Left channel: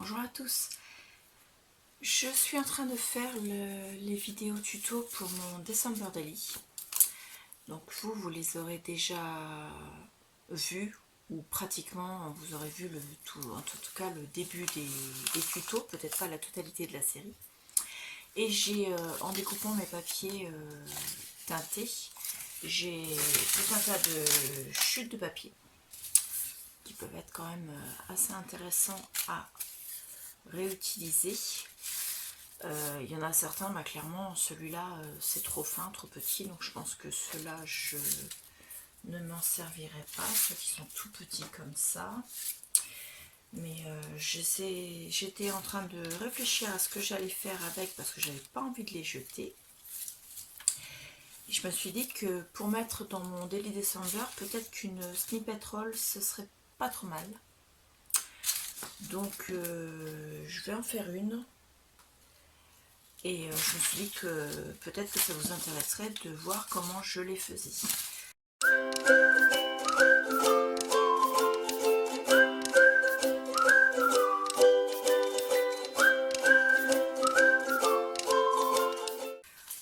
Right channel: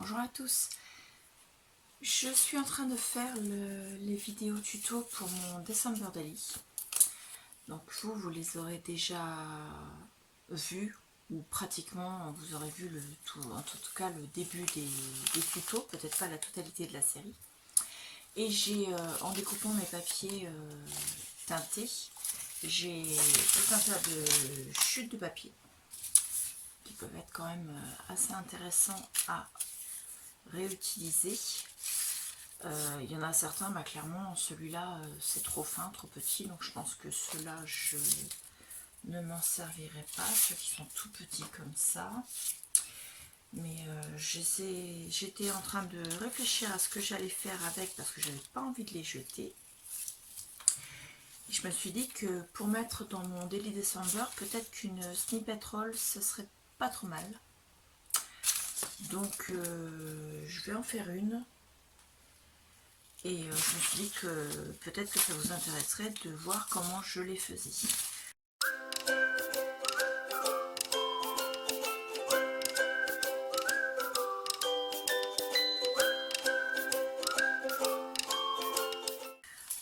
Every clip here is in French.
Bonjour à tous, je suis en train de faire les vidéos tuto pour mon December Daily. Donc vous les aurez déjà vues, ou pratiquement vous aurez vu le tout, en tout cas le début des tutos, peut-être pas la totalité de la série. Et j'ai, en découpant mes papiers teintés, j'ai tout un tas de chutes de papier qui peuvent être quand même assez intéressants à réutiliser. Il y en a certains, clairement celui-là c'est trop fin, trop petit, donc je pense que ceux-là je ne m'en servirai pas, ceux qui sont tout petits comme ça. Mais j'étais en train de réfléchir à ce que j'allais faire avec, parce que j'avais pas envie de les jeter. Et je me suis dit que pour mettre dans mon Daily December, peut-être qu'une snippet roll ce serait pas trop mal. Donc je vais en faire une. Et je me suis dit que peut-être que ça vous intéresserait de voir comment je les faisais.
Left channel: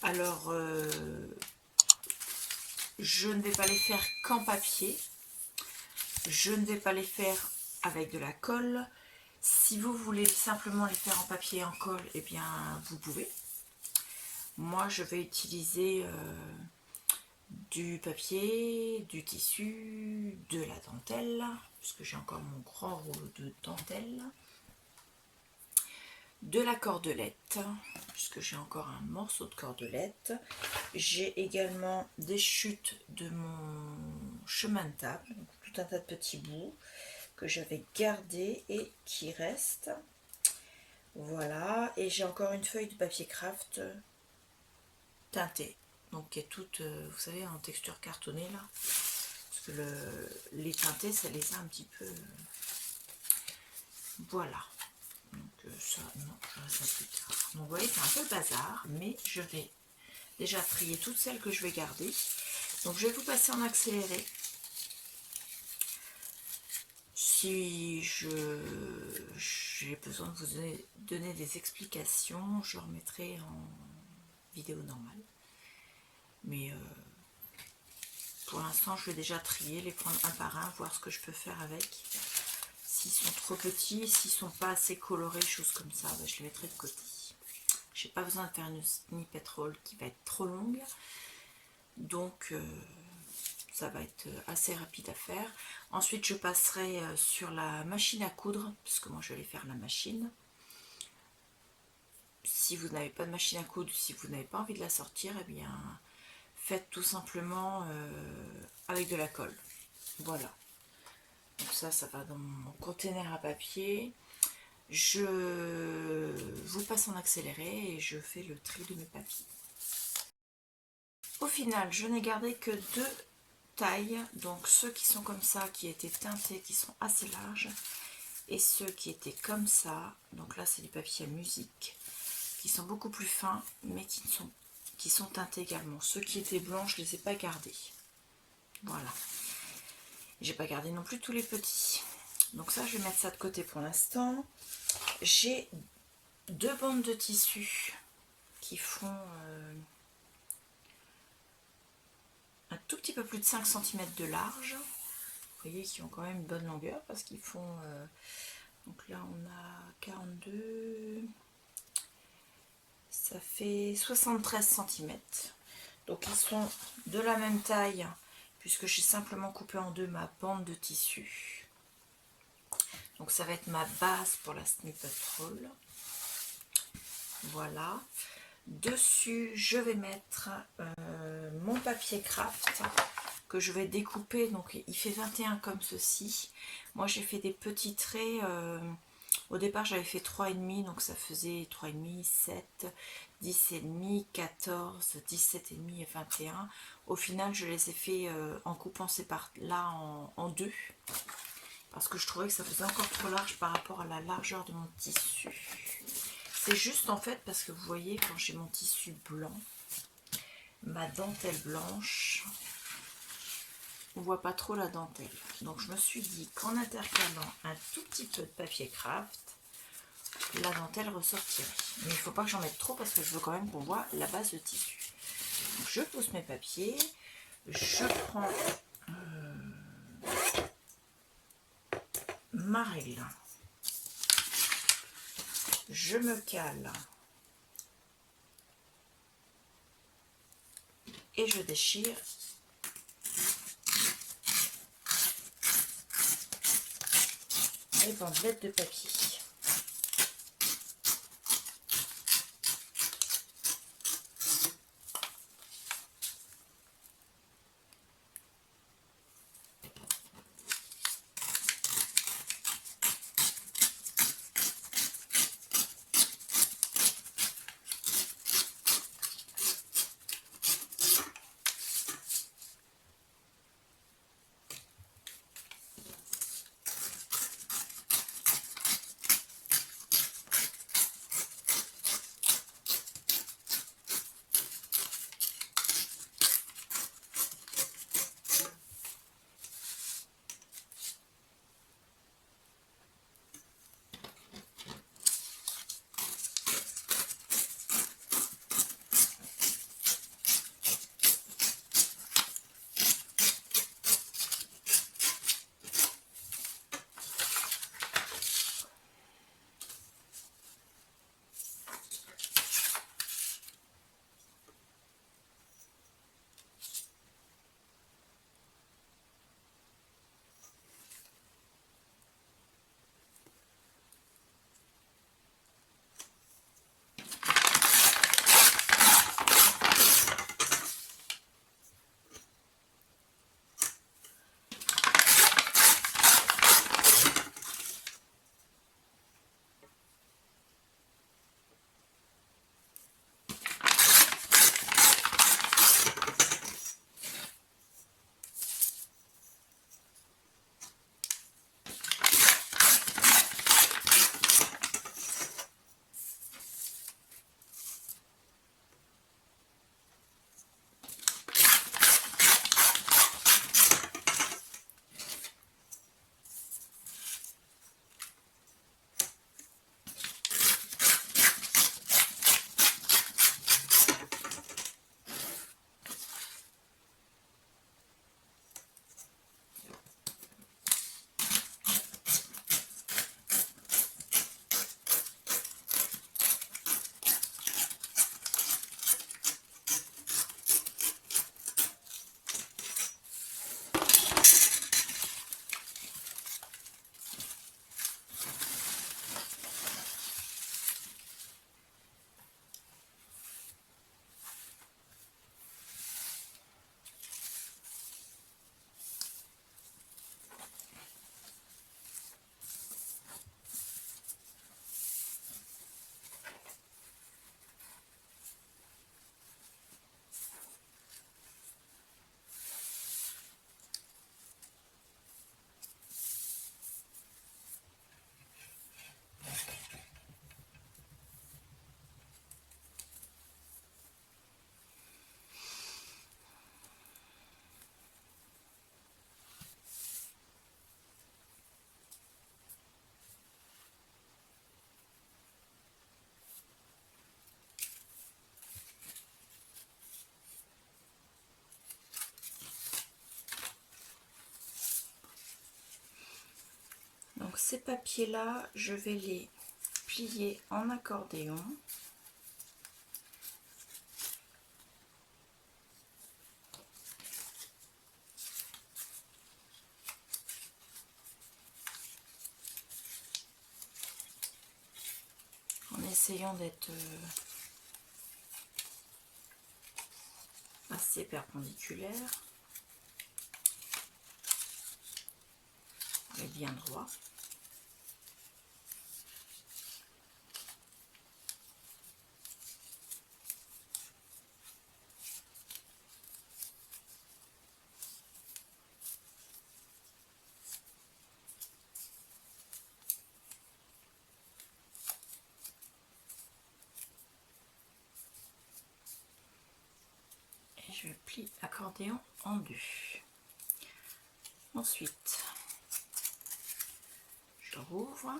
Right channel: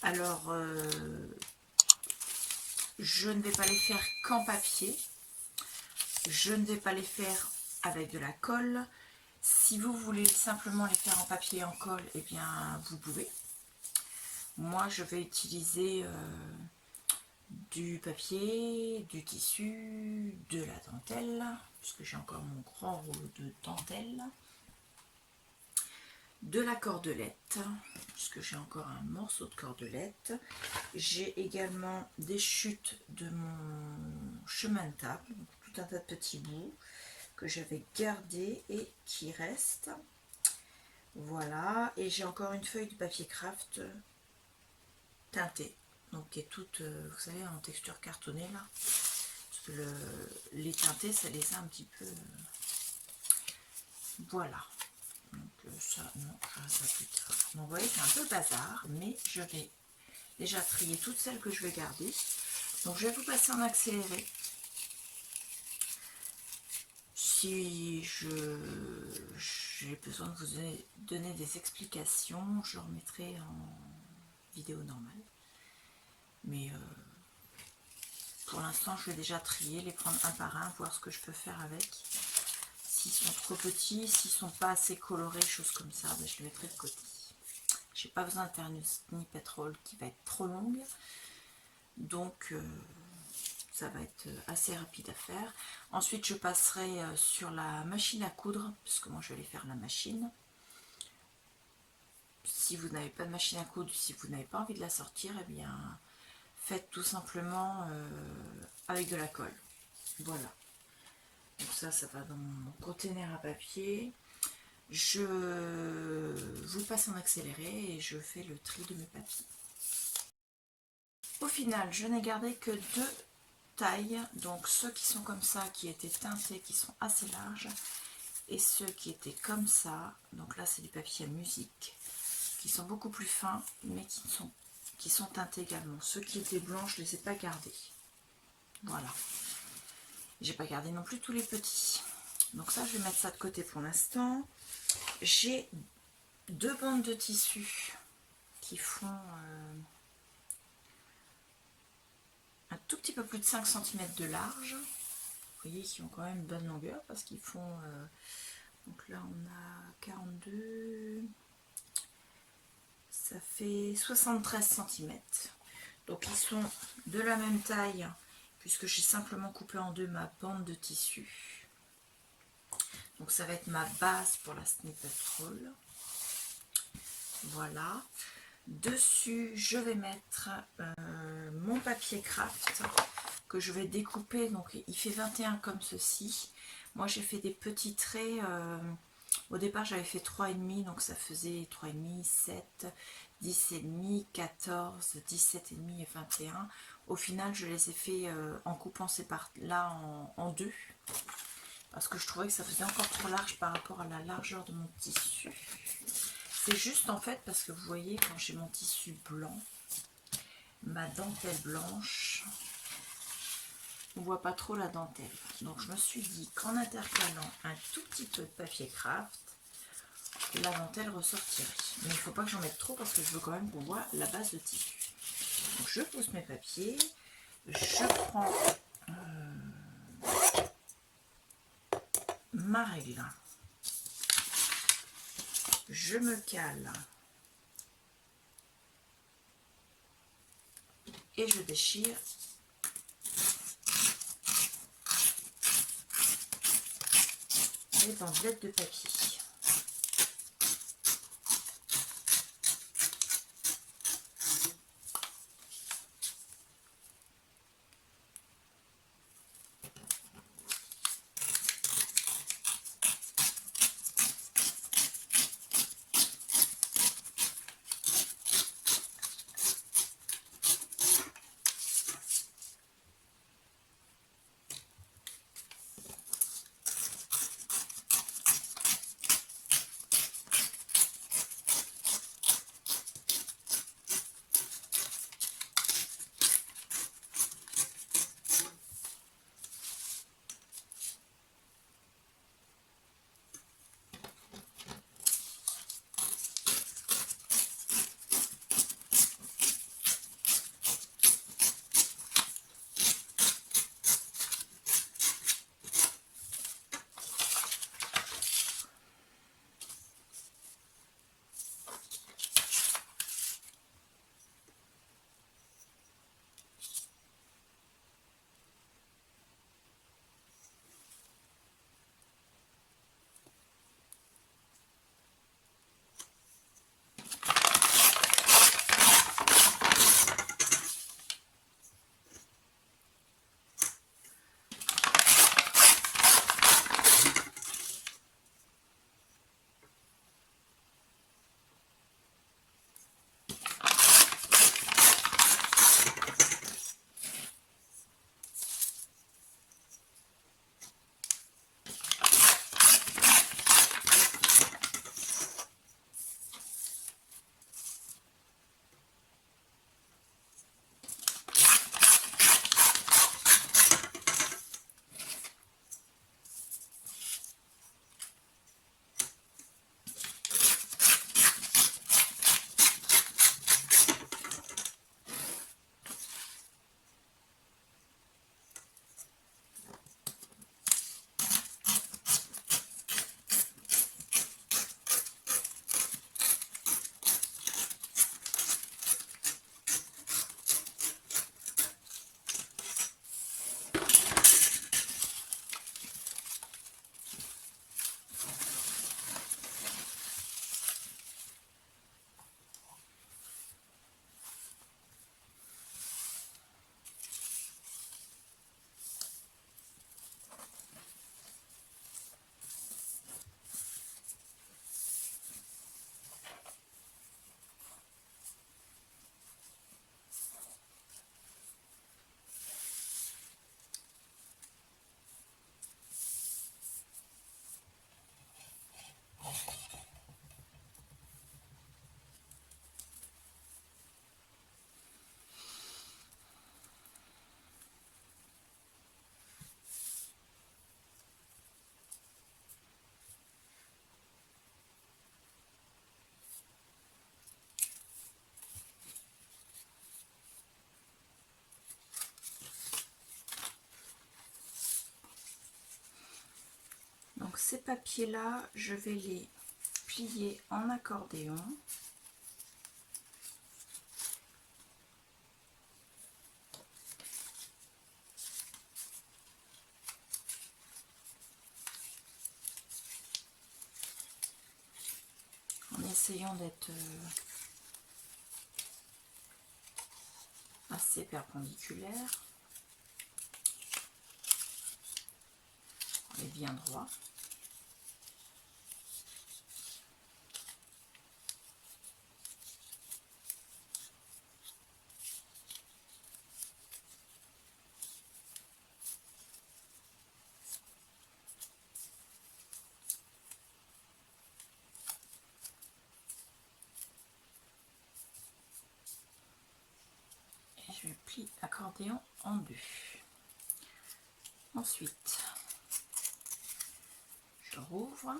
Alors, je ne vais pas les faire qu'en papier. Je ne vais pas les faire avec de la colle. Si vous voulez simplement les faire en papier et en colle, eh bien vous pouvez. Moi, je vais utiliser du papier, du tissu, de la dentelle, puisque j'ai encore mon grand rouleau de dentelle, de la cordelette, puisque j'ai encore un morceau de cordelette. J'ai également des chutes de mon chemin de table, donc tout un tas de petits bouts que j'avais gardés et qui restent. Voilà, et j'ai encore une feuille de papier craft teintée, donc qui est toute, vous savez, en texture cartonnée là, parce que les teintés, ça les a un petit peu... Voilà, donc ça, non, je ferai ça plus tard. Donc vous voyez, c'est un peu bazar, mais je vais déjà trier toutes celles que je vais garder. Donc je vais vous passer en accéléré. Si j'ai besoin de vous donner des explications, je remettrai en vidéo normale. Mais pour l'instant, je vais déjà trier, les prendre un par un, voir ce que je peux faire avec. S'ils sont trop petits, s'ils sont pas assez colorés, choses comme ça, ben je les mettrai de côté. J'ai pas besoin de faire une snippet roll qui va être trop longue. Donc ça va être assez rapide à faire. Ensuite je passerai sur la machine à coudre, puisque moi je vais aller faire la machine. Si vous n'avez pas de machine à coudre, si vous n'avez pas envie de la sortir, eh bien faites tout simplement avec de la colle. Voilà. Donc ça va dans mon container à papier. Je vous passe en accéléré et je fais le tri de mes papiers. Au final, je n'ai gardé que deux tailles, donc ceux qui sont comme ça, qui étaient teintés, qui sont assez larges, et ceux qui étaient comme ça, donc là c'est du papier à musique, qui sont beaucoup plus fins, mais qui sont teintés également. Ceux qui étaient blancs, je ne les ai pas gardés. Voilà. J'ai pas gardé non plus tous les petits. Donc ça, je vais mettre ça de côté pour l'instant. J'ai deux bandes de tissu qui font un tout petit peu plus de 5 cm de large. Vous voyez qu'ils ont quand même une bonne longueur parce qu'ils font... donc là, on a 42... Ça fait 73 cm. Donc ils sont de la même taille puisque j'ai simplement coupé en deux ma bande de tissu. Donc ça va être ma base pour la snippet roll. Voilà. Dessus, je vais mettre mon papier craft que je vais découper. Donc il fait 21 comme ceci. Moi j'ai fait des petits traits. Au départ j'avais fait 3,5, donc ça faisait 3,5, 7, 10,5, 14, 17,5 et 21. Au final je les ai fait en coupant ces parts-là en deux. Parce que je trouvais que ça faisait encore trop large par rapport à la largeur de mon tissu. C'est juste en fait parce que vous voyez, quand j'ai mon tissu blanc, ma dentelle blanche, on voit pas trop la dentelle. Donc je me suis dit qu'en intercalant un tout petit peu de papier craft, la dentelle ressortirait. Mais il ne faut pas que j'en mette trop parce que je veux quand même qu'on voit la base de tissu. Donc je pousse mes papiers, je prends ma règle, je me cale et je déchire les bandelettes de papier. Donc ces papiers-là, je vais les plier en accordéon. En essayant d'être assez perpendiculaire et bien droit. Et je plie l'accordéon en deux. Ensuite, je rouvre.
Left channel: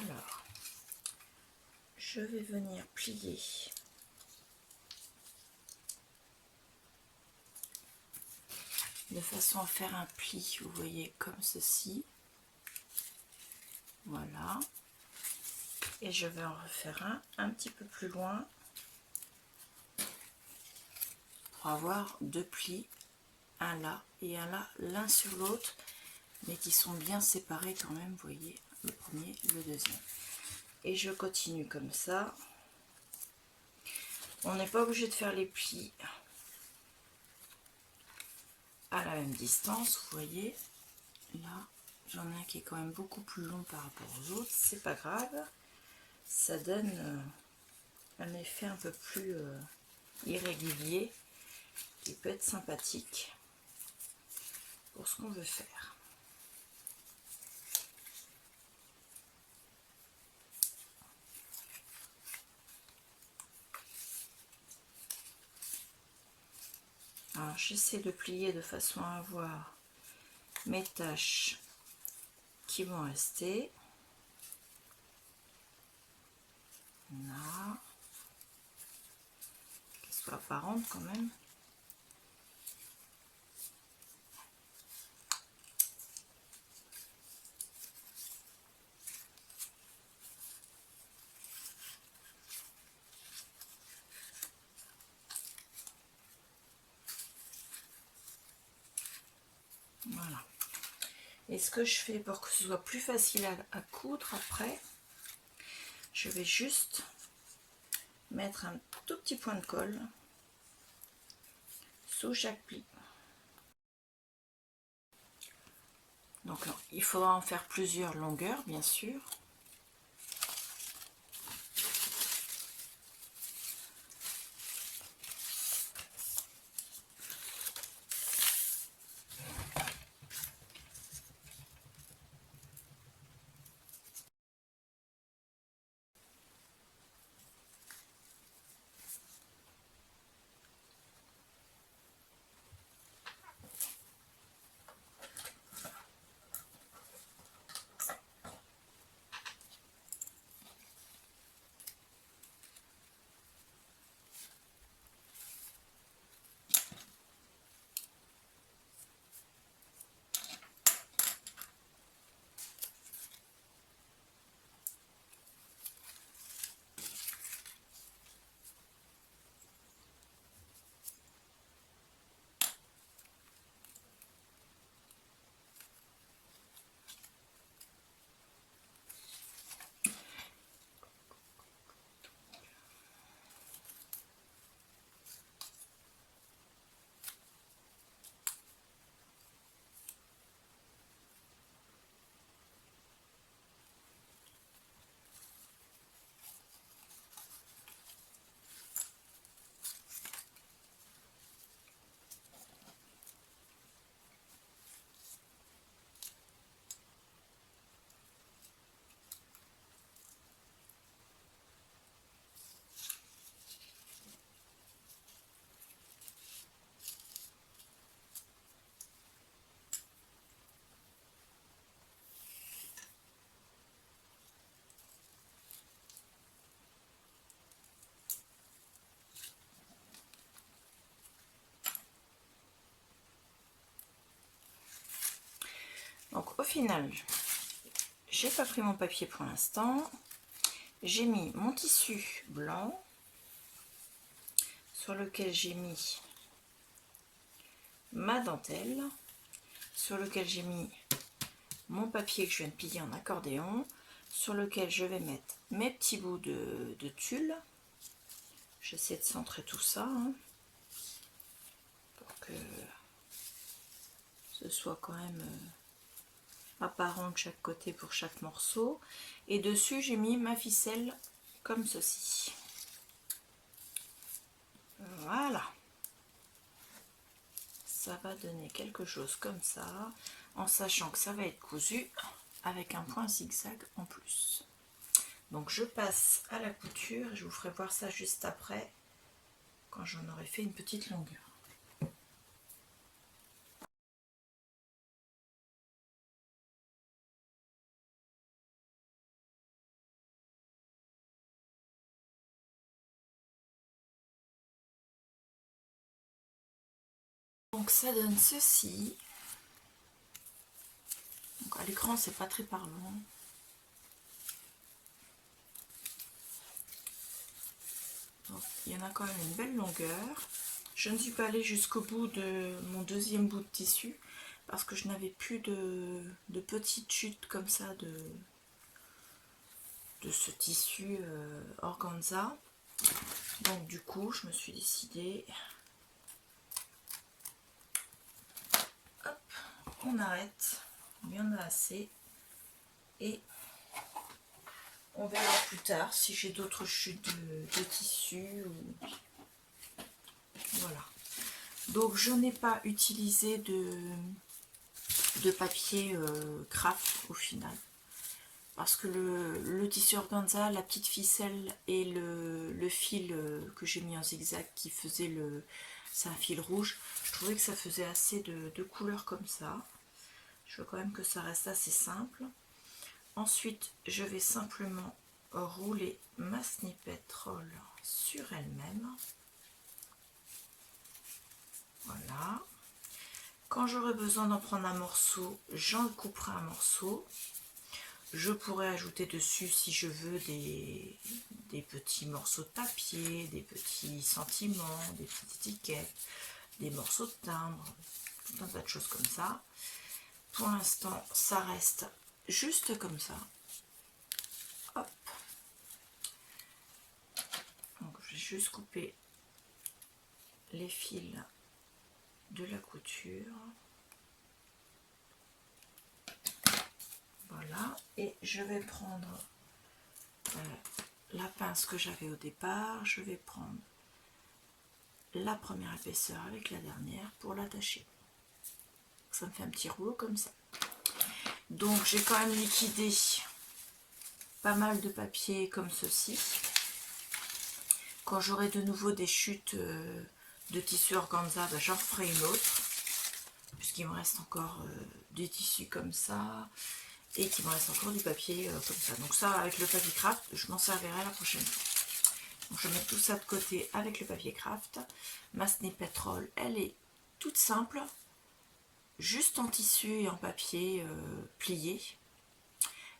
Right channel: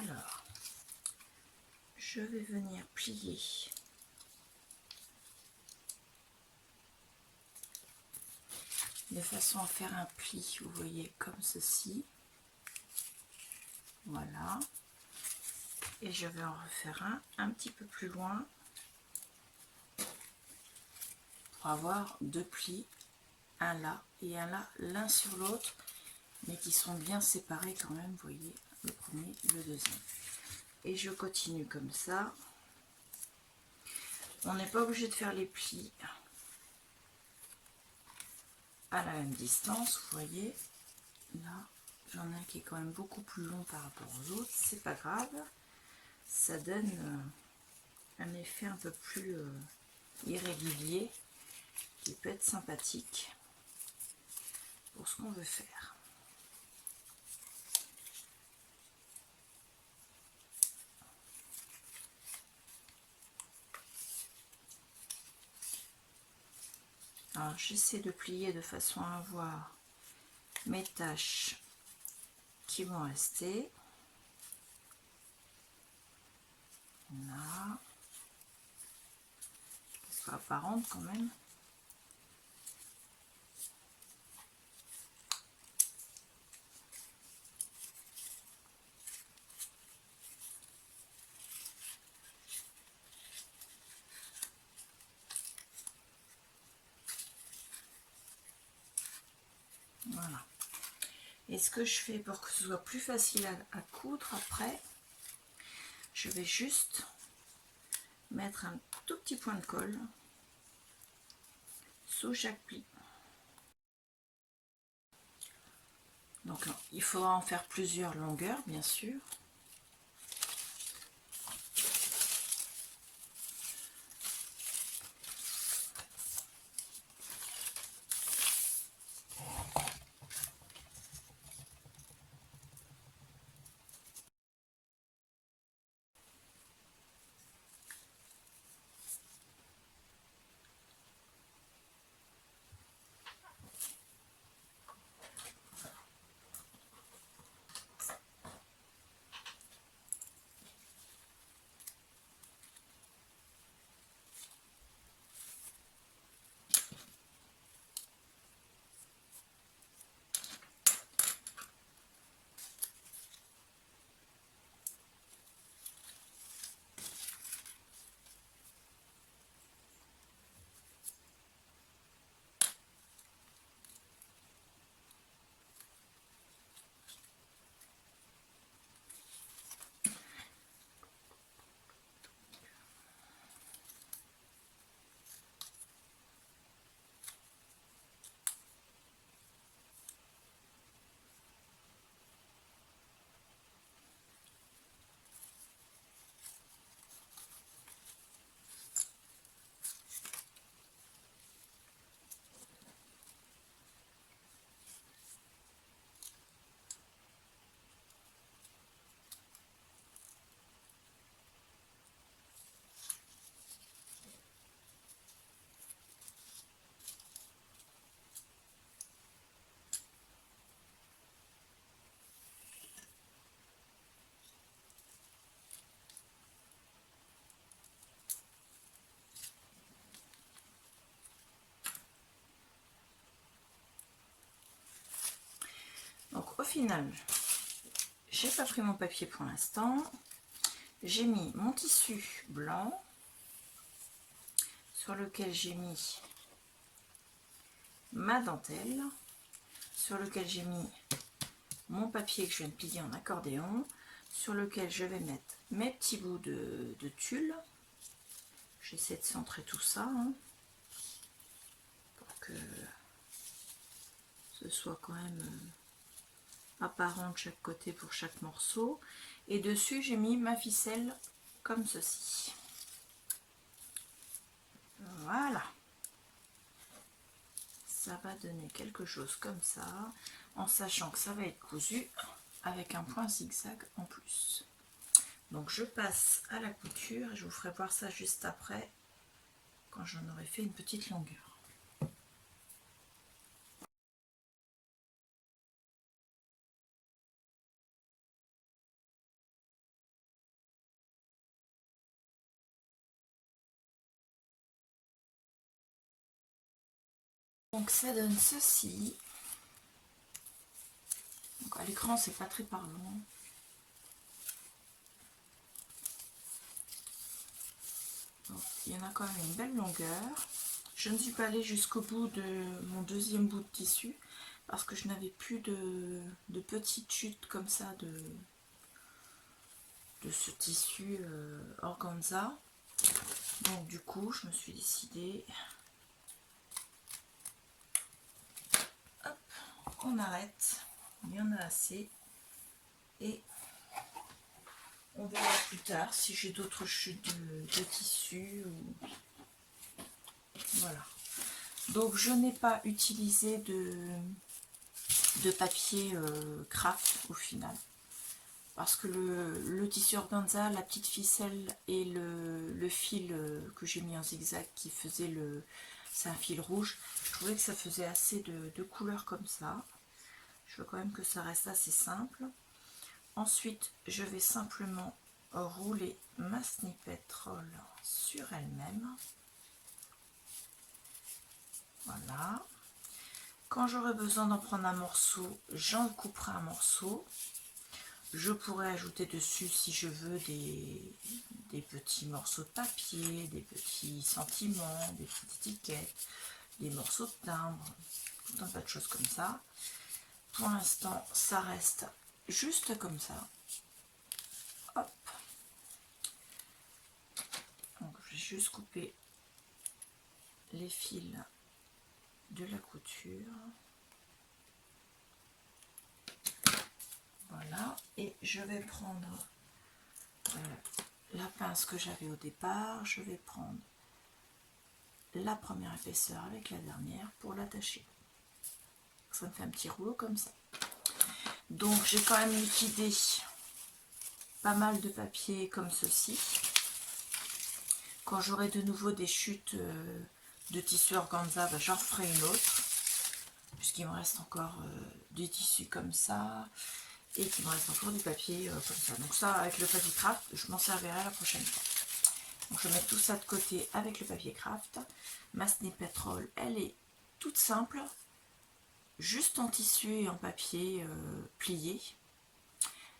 Alors, je vais venir plier de façon à faire un pli, vous voyez, comme ceci. Voilà. Et je vais en refaire un petit peu plus loin pour avoir deux plis, un là et un là, l'un sur l'autre, mais qui sont bien séparés quand même, vous voyez, le premier, le deuxième. Et je continue comme ça. On n'est pas obligé de faire les plis à la même distance, vous voyez. Là, j'en ai un qui est quand même beaucoup plus long par rapport aux autres, c'est pas grave. Ça donne un effet un peu plus irrégulier qui peut être sympathique pour ce qu'on veut faire. Alors j'essaie de plier de façon à avoir mes taches qui vont rester. Là, qu'elles soient apparentes quand même. Voilà. Et ce que je fais pour que ce soit plus facile à coudre après, je vais juste mettre un tout petit point de colle sous chaque pli. Donc il faudra en faire plusieurs longueurs, bien sûr. Donc au final, j'ai pas pris mon papier pour l'instant. J'ai mis mon tissu blanc sur lequel j'ai mis ma dentelle, sur lequel j'ai mis mon papier que je viens de plier en accordéon, sur lequel je vais mettre mes petits bouts de tulle. J'essaie de centrer tout ça pour que ce soit quand même apparent de chaque côté pour chaque morceau. Et dessus j'ai mis ma ficelle comme ceci. Voilà, ça va donner quelque chose comme ça, en sachant que ça va être cousu avec un point zigzag en plus. Donc je passe à la couture et je vous ferai voir ça juste après, quand j'en aurai fait une petite longueur. Donc ça donne ceci. Donc à l'écran c'est pas très parlant. Donc, il y en a quand même une belle longueur. Je ne suis pas allée jusqu'au bout de mon deuxième bout de tissu parce que je n'avais plus de petites chutes comme ça de ce tissu organza. Donc du coup je me suis décidée, hop, on arrête, il y en a assez et on verra plus tard si j'ai d'autres chutes de tissu ou... Voilà. Donc je n'ai pas utilisé de papier craft au final. Parce que le tissu organza, la petite ficelle et le fil que j'ai mis en zigzag qui faisait c'est un fil rouge, je trouvais que ça faisait assez de couleurs comme ça. Je veux quand même que ça reste assez simple. Ensuite, je vais simplement rouler ma snippet roll sur elle-même. Voilà. Quand j'aurai besoin d'en prendre un morceau, j'en couperai un morceau. Je pourrais ajouter dessus, si je veux, des petits morceaux de papier, des petits sentiments, des petites étiquettes, des morceaux de timbre, tout un tas de choses comme ça. Pour l'instant, ça reste juste comme ça. Hop. Donc, je vais juste couper les fils de la couture. Voilà, et je vais prendre la pince que j'avais au départ, je vais prendre la première épaisseur avec la dernière pour l'attacher. Ça me fait un petit rouleau comme ça. Donc j'ai quand même liquidé pas mal de papier comme ceci. Quand j'aurai de nouveau des chutes de tissu organza, ben, j'en ferai une autre, puisqu'il me reste encore des tissus comme ça. Et qu'il me reste encore du papier comme ça. Donc ça, avec le papier craft, je m'en servirai la prochaine fois. Donc je mets tout ça de côté avec le papier craft. Ma snippet roll, elle est toute simple, juste en tissu et en papier plié.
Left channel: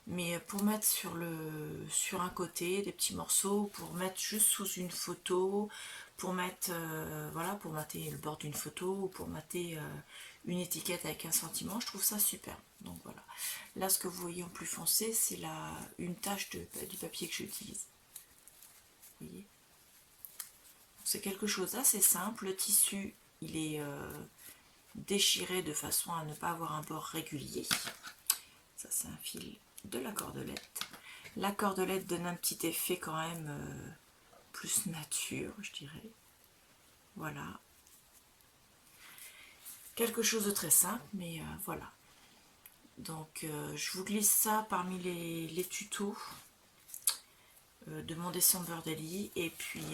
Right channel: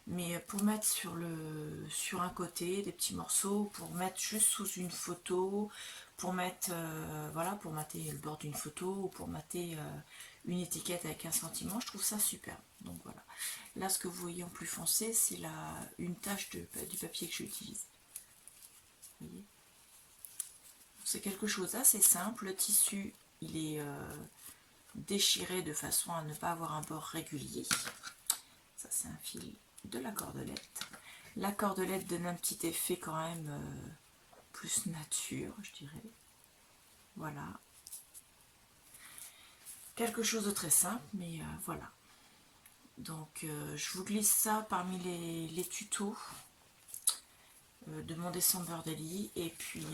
Mais pour mettre sur un côté des petits morceaux, pour mettre juste sous une photo, pour mettre voilà, pour mater le bord d'une photo ou pour mater une étiquette avec un sentiment, je trouve ça super. Donc voilà. Là, ce que vous voyez en plus foncé, c'est une tache du papier que j'utilise. Vous voyez, c'est quelque chose d'assez simple. Le tissu, il est déchiré de façon à ne pas avoir un bord régulier. Ça, c'est un fil de la cordelette. La cordelette donne un petit effet quand même plus nature, je dirais. Voilà. Quelque chose de très simple, mais voilà. Donc je vous glisse ça parmi les tutos de mon December Daily, et puis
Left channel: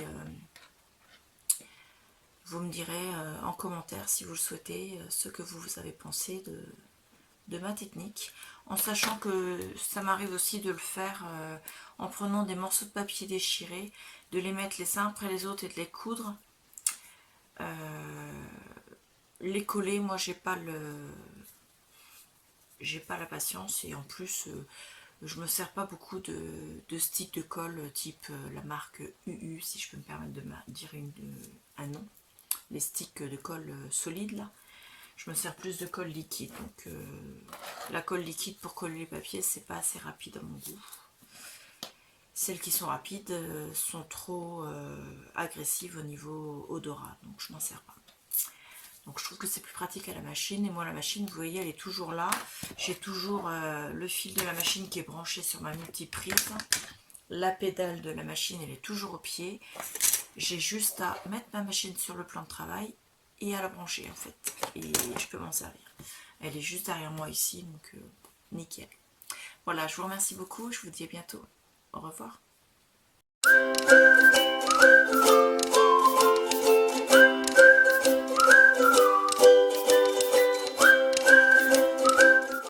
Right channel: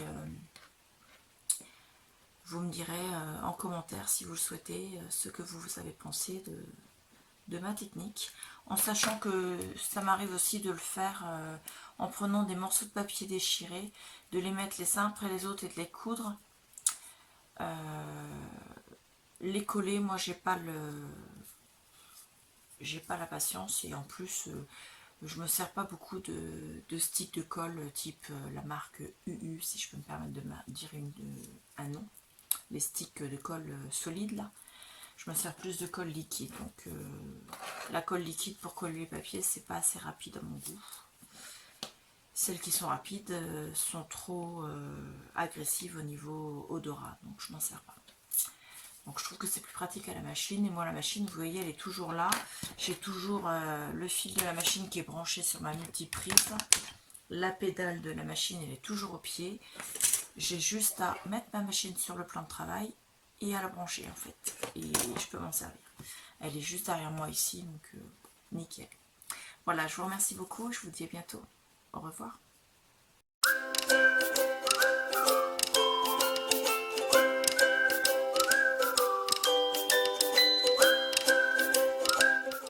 vous me direz en commentaire si vous le souhaitez ce que vous avez pensé de ma technique, en sachant que ça m'arrive aussi de le faire en prenant des morceaux de papier déchirés, de les mettre les uns après les autres et de les coudre. Les coller, moi j'ai pas la patience, et en plus je me sers pas beaucoup de sticks de colle type la marque UU, si je peux me permettre de dire un nom. Les sticks de colle solide là, je me sers plus de colle liquide. Donc la colle liquide pour coller les papiers, c'est pas assez rapide à mon goût. Celles qui sont rapides sont trop agressives au niveau odorat, donc je m'en sers pas. Donc je trouve que c'est plus pratique à la machine. Et moi, la machine, vous voyez, elle est toujours là. J'ai toujours le fil de la machine qui est branché sur ma multiprise. La pédale de la machine, elle est toujours au pied. J'ai juste à mettre ma machine sur le plan de travail et à la brancher en fait. Et je peux m'en servir. Elle est juste derrière moi ici, donc nickel. Voilà, je vous remercie beaucoup. Je vous dis à bientôt. Au revoir.